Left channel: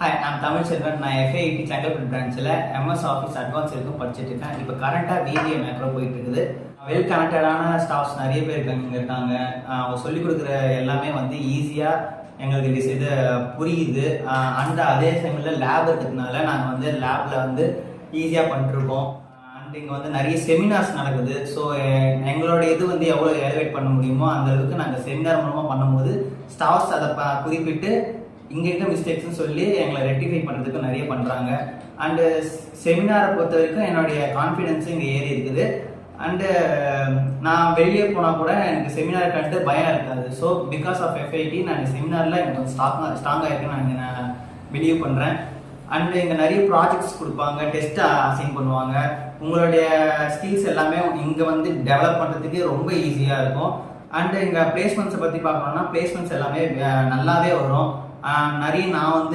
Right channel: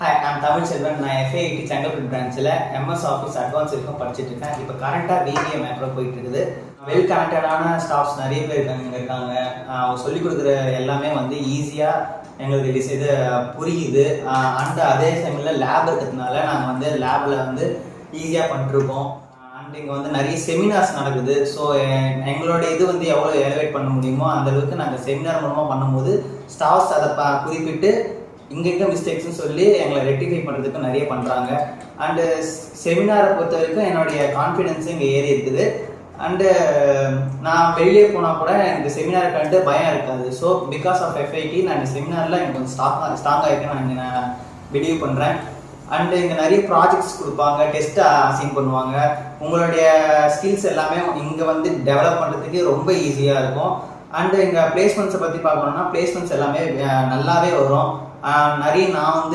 Hi, நான் தமிழ் செல்வன். நான் FIIT Chengalpattu பிரான்ச்சில் MS ஆஃபீஸ் அட்வான்ஸ் இருக்கும் படிச்சுட்டு இருக்கேன். இப்போ கரண்ட்டாக BBA மேக்ரோ போயிட்டு இருக்குது. வெல் கனெக்டடான ஸ்டாஃப்ஸ் நிறைய பேர் இருக்காங்க. அவங்க சொல்லிக் கொடுக்குற எல்லாமே வந்து ஈஸியாக எங்களுக்கு இது புரியுது. அண்ட் அதே சமயத்தில் லேப் இருக்கிறதுனால நாங்கள் வந்து லேபில் வந்து ஈஸியாக பண்ணிட்டுருக்கோம். அண்ட் இங்கே வந்து நிறைய செமினார்ஸ் நடக்குது. ஸோ எங்களோட இது வந்து எவ்வளோ எலிவேட் பண்ண முடியுமோ அந்த அளவுக்கு நாங்கள் செமினார் மூலமாக பண்ணும்போது ஸ்டாஃப்ஸ் அதை குறிப்பிட்டு இங்கே இருக்க மிஸ்டேக்ஸ்னு சொல்லி எங்களை ரெக்டிஃபை பண்ணுறதுக்கு நிறைய பண்ணுறாங்க. அண்டு செமினாரை பொறுத்த வரைக்கும் என்னுடைய கான்ஃபிடென்ஸும் இங்கே ஏறி இருக்குது. அண்டு நான் வெளியே போனால் கூட எனக்கு செமினாரை கண்டு பயம் இருக்காது. ஸோ பிகாஸ் ஆஃப் FIIT நான் செமினாரில் எனக்கு கொஞ்சம் ஸ்ட்ராங்காக இருக்கேன்னு நான் பிலீவ் பண்ணுறேன். அண்டு இங்கே நிறைய ப்ராஜெக்ட்ஸ் கொடுப்பாங்க, டெஸ்ட் அசைன் பண்ணுவாங்க. உங்களுடைய ஸ்கில்ஸ் எல்லாமே இங்கே வந்து டெவலப் பண்ணுறதுக்கு ரொம்ப ஈஸியாக இருக்கும். அண்டு இங்கே பிளேஸ்மெண்ட்ஸை பற்றி பார்க்கணுன்னா பிளேஸ்மெண்ட்ஸ் எல்லாமே நல்லாவே வரும். நிறைய நான் வந்து